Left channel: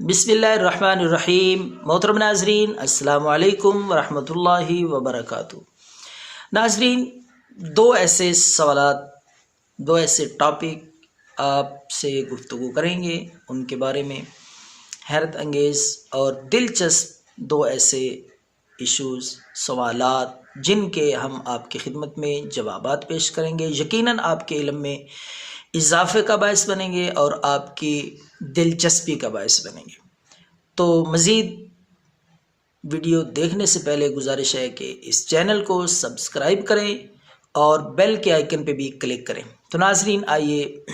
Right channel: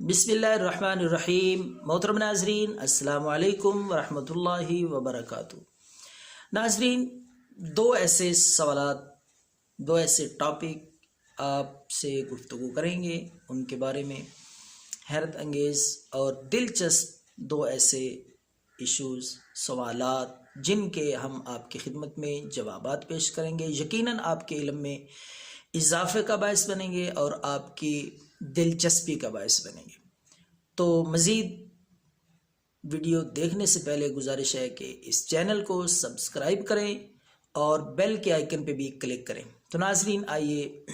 बिस्मिल्लाहिर्रहमानिर्रहीम। मोहतरम नाजरीन, अस्सलाम वालेकुम वरहमतुल्लाहि वबरकातुहू। नाजरीन, दो ऐसे सवालात, दो ऐसे टॉपिक आपसे गुफ्तगू करेंगे। उनके बारे में हैरत अंगेज़ और दिलचस्प दो ऐसे इश्यूज़, सवालात जिनके हम आपकी खिदमत में जवाबात पेश करेंगे। यकीनन आपके इल्म में इजाफ़े का बायस बनेंगे और आपकी दिलचस्पी का बायस बनेंगे। तो मज़ीद वीडियो देखने से पहले गुजारिश है कि इस चैनल को सब्सक्राइब करें और बेल के आइकन पे भी क्लिक करें। तो नाज़रीन, आइए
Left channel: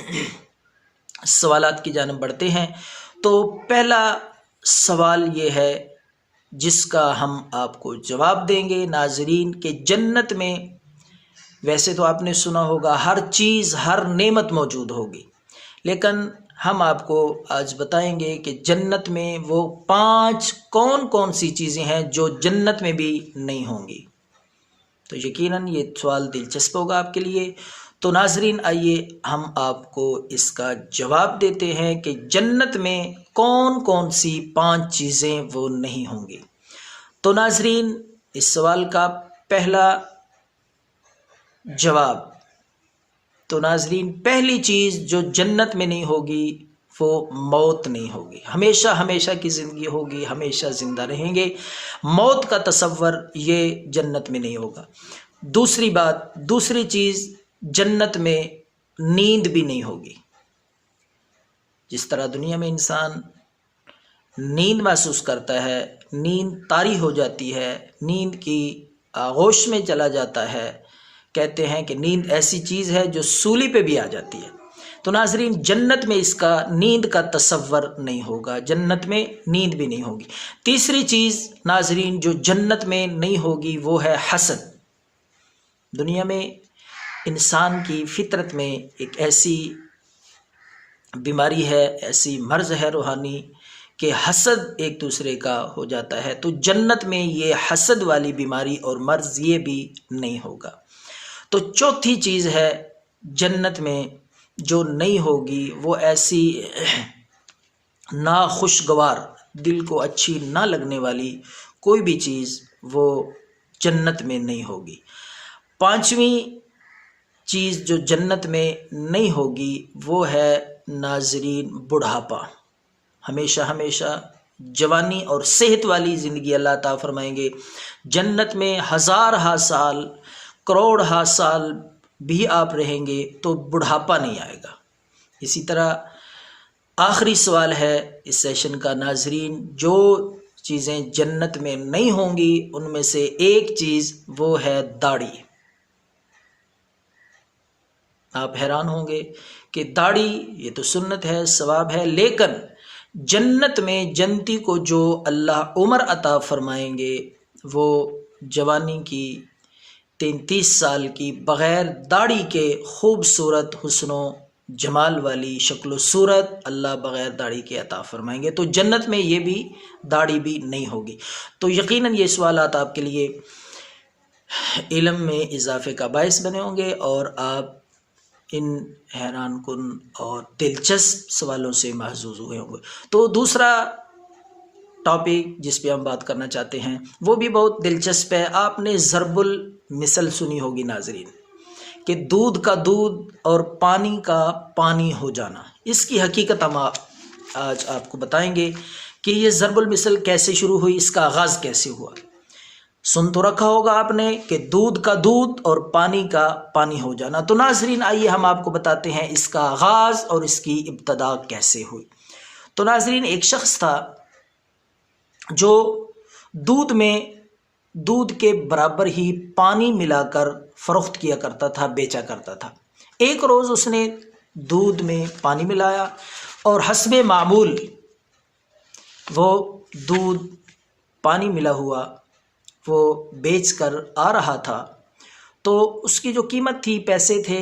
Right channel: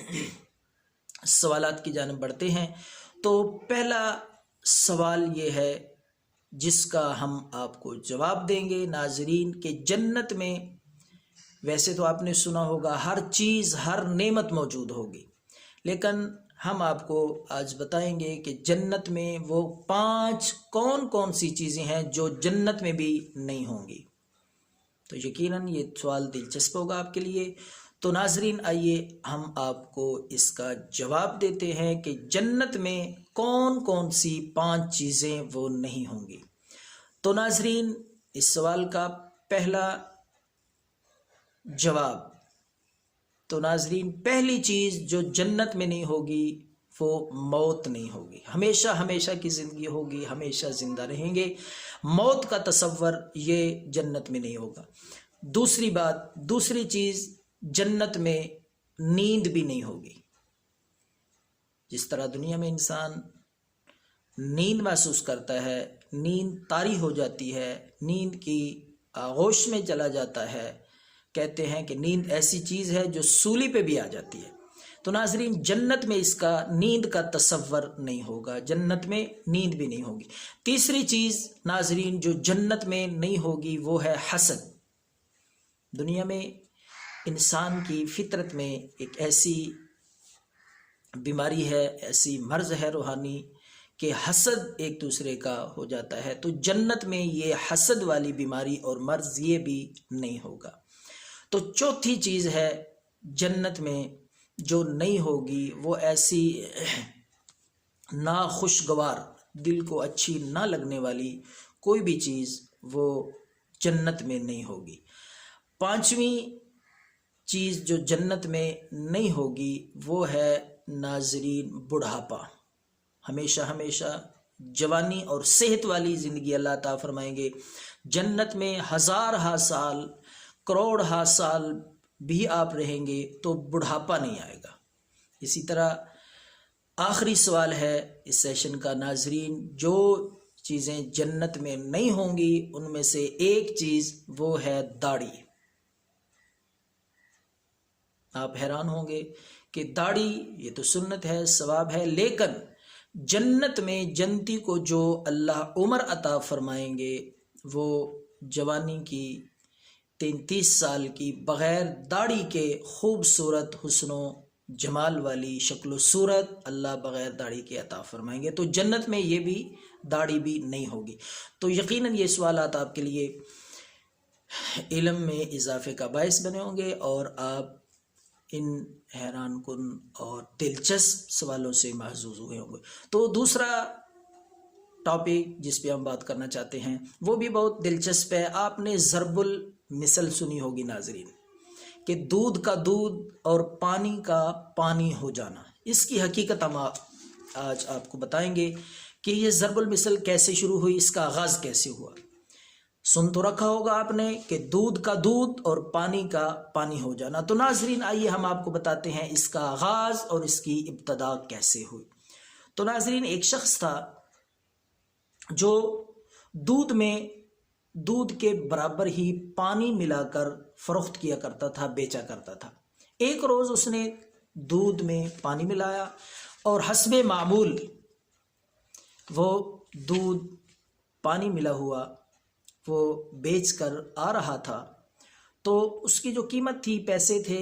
सवालात की जानिब बढ़ते हैं। तो पहला सवाल ये है जिसका हम आपको जवाब देंगे नाज़रीन के जन्नत में, वैसे तो आपने सुना होगा हर चीज़, हर नेमत मौजूद होगी, लेकिन हम आपको आज बताएंगे कि जन्नत में वो 5 कौन कौन सी चीज़ें हैं जो जन्नत में भी नहीं होंगी। तो यकीनन ये सवाल दिलचस्प होगा आपके लिए। तो नाजरीन, आइए हम आपको इसका जवाब देते हैं कि जन्नत में कौन कौन सी 5 चीज़ें वो नहीं होंगी। तो नाजरीन, इस सवाल का पहला जवाब, तो नाजरीन पहली चीज़ जो जन्नत में नहीं होगी वो मौत नहीं होगी। हमेशा हमेशा की ज़िंदगी होगी, हमेशा ज़िंदा रहेंगे। मौत का तसव्वुर ये जन्नत में नहीं होगा। दूसरी बात, दूसरी चीज़, जन्नत में नींद भी नहीं होगी। जिस तरह दुनिया में इंसान नींद महसूस करता है, नींद तारी हो जाती है, नींद की आगोश में चला जाता है, कहते हैं कि नींद ऐसी चीज़ है जो सूली पे भी आ जाती है। तो नाजरीन, जन्नत में इसका नींद का तसव्वुर नहीं होगा, जन्नत में नींद भी नहीं होगी। तीसरी चीज़ नाजरीन जो जन्नत में नहीं होगी वो है हसद। दुनिया में इंसान की फितरत में एक ऐसी बीमारी है, ऐसी मर्ज़ है रूहानी कि हसद एक दूसरे का हो जाता है। तो जन्नत में ये हसद वाली बीमारी और मर्ज़ ये भी नहीं होगा। तो चौथी चीज़ है जन्नत में जो नहीं होगी वो ऐसी नाखुशगवार, दिल को अच्छी ना लगने वाली कोई भी चीज़ वो जन्नत में नहीं होगी। पांचवी चीज़ जो जन्नत में नहीं होगी वो है नाजरीन बुढ़ापा। हमेशा हमेशा जवानी और सेहत वाली ज़िंदगी अल्लाह ताला फरमाएंगे। जन्नत में हज़ार हा साल, करोड़ हा साल भी आप रहेंगे तो बुढ़ापा नहीं आएगा। इसी तरह आखिरी सवाल है इस सेशन का नाजरीन, जो चीज़ें जन्नत में नहीं होंगी उनमें से एक चीज़ वो है दाढ़ी। आप हैरान होंगे कि दाढ़ी ये तो सुन्नत है, सवाब है, लेकिन जन्नत में जन्नती को जो अल्लाह उम्र अता फरमाएंगे वो जवानी की 33 साल की बग़ैर दाढ़ी के खूबसूरत हुस्नो जमाल वाली शक्ल सूरत अल्लाह बग़ैर दाढ़ी के अता फरमाएंगे। तो जन्नत में ये भी दाढ़ी भी नहीं होगी। तो यकीनन ये सवालात आपके लिए इल्म में इजाफ़े का बायस बने होंगे और आप इन हैरान कुन और दिलचस्प सवालों से महजूज हुए होंगे। तो दूसरा टॉपिक जिस पे हम बात करना चाहते हैं वो भी बहुत दिलचस्प है। आपने ज़रबुल मिसल सुनी होगी नाजरीन, कि दूध का दूध और पानी का पानी हो जाना। इसकी हकीकत हम आज आपको बताएंगे कि ये ज़रबुल मिसल कैसे शुरू हुई, इसका आगाज़ कैसे हुआ। सुन तो रखा होगा आपने कि दूध का दूध और पानी का पानी हो जाना। तो नाजरीन, आइए हम आपको बताते हैं इसका आगाज़ और इसकी इब्तदा कैसे हुई। तो नाजरीन, एक शख्स था जो दूध में दूध के बराबर ही पानी मिलाकर फ़रोख्त किया करता था, बेचा करता था। एक रोज़ उसने दूध में पानी मिलाया और हस्बे मामूल वो दूध पानी मिला हुआ वो बेच कर आ रहा था। तो उसकी जो कीमत थी, पैसे थे,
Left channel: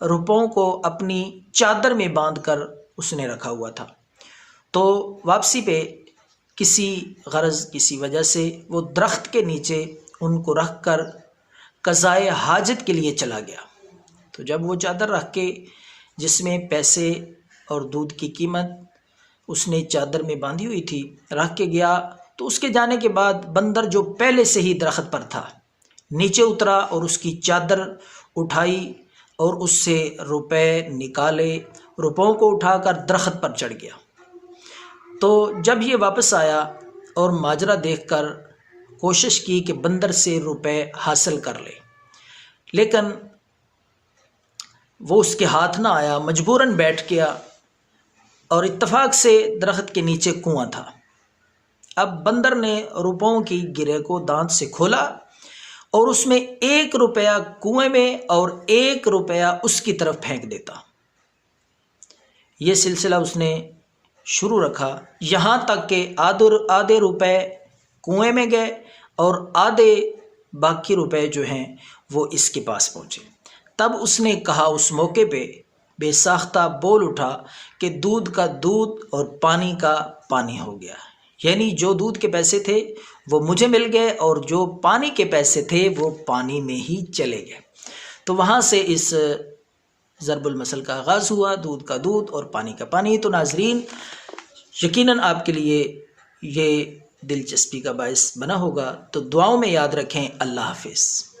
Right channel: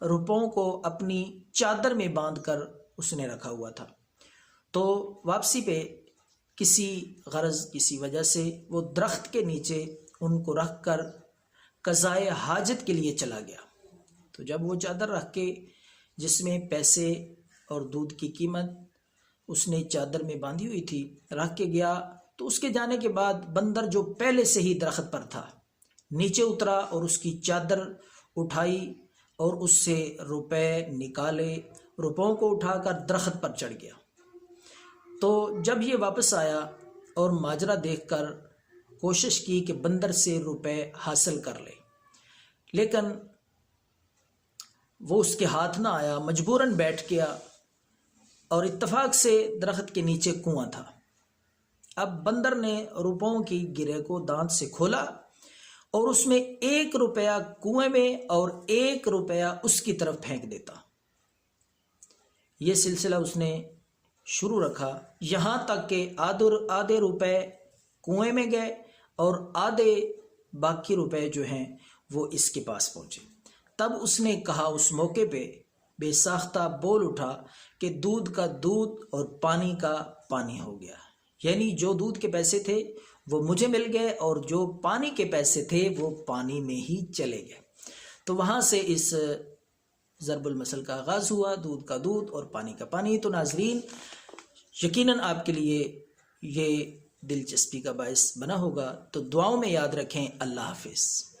रुपयों को अपनी चादर में बांधकर उसने रखा हुआ था। तो वापसी पे किसी गरज, किसी वजह से वो दरख्त के नीचे उनको रख कर क़ज़ाए हाजत के लिए चला गया। तो जब वो चादर रख के जिसमें पैसे और दूध की कीमत اس نے چادر میں باندھی ہوئی تھی، رکھ کے گیا تو اس کے جانے کے بعد بندر جو پہلے سے ہی درخت پر تھا نیچے اترا اور اس کی چادر اٹھائی اور اس سے روپے نکالے، روپوں کو اٹھا کر درخت پر چڑھ گیا۔ تو جب یہ واپس آیا اور ماجرا دیکھ کر کوشش کی کہ بندر سے روپے حاصل کر لے، لیکن وہ اس کے ہاتھ نہ آیا، مجبوراً بیٹھ گیا اور اتفاق سے درخت کے نیچے کنواں تھا۔ اب بندر نے روپوں کی گرہ کو دانت سے کھولا اور اس میں 1 روپیہ کنویں میں اور 1 روپیہ اس کی طرف پھینک دیتا۔ یہ سلسلہ اس نے شروع رکھا یہاں تک کہ آدھے روپے کنویں میں گئے اور آدھے باقی روپے جو ہیں وہ اس کے پاس پہنچے۔ تب اس نے کہا، اس موقع پہ بے ساختہ بول اٹھا کہ دودھ کا دودھ اور پانی کا پانی ہو گیا، یعنی جو دودھ کے پیسے تھے وہ مجھے مل گئے اور جو پانی کے پیسے تھے وہ پانی میں ہی چلے گئے۔ تو وہاں سے اس ضرب المثل کا آغاز ہوا، دودھ کا دودھ اور پانی کا پانی۔ تو ناظرین، یقیناً آپ کے لیے یہ دلچسپی کا باعث بنا ہوگا، تو دعاؤں میں یاد رکھیں۔ اللہ حافظ۔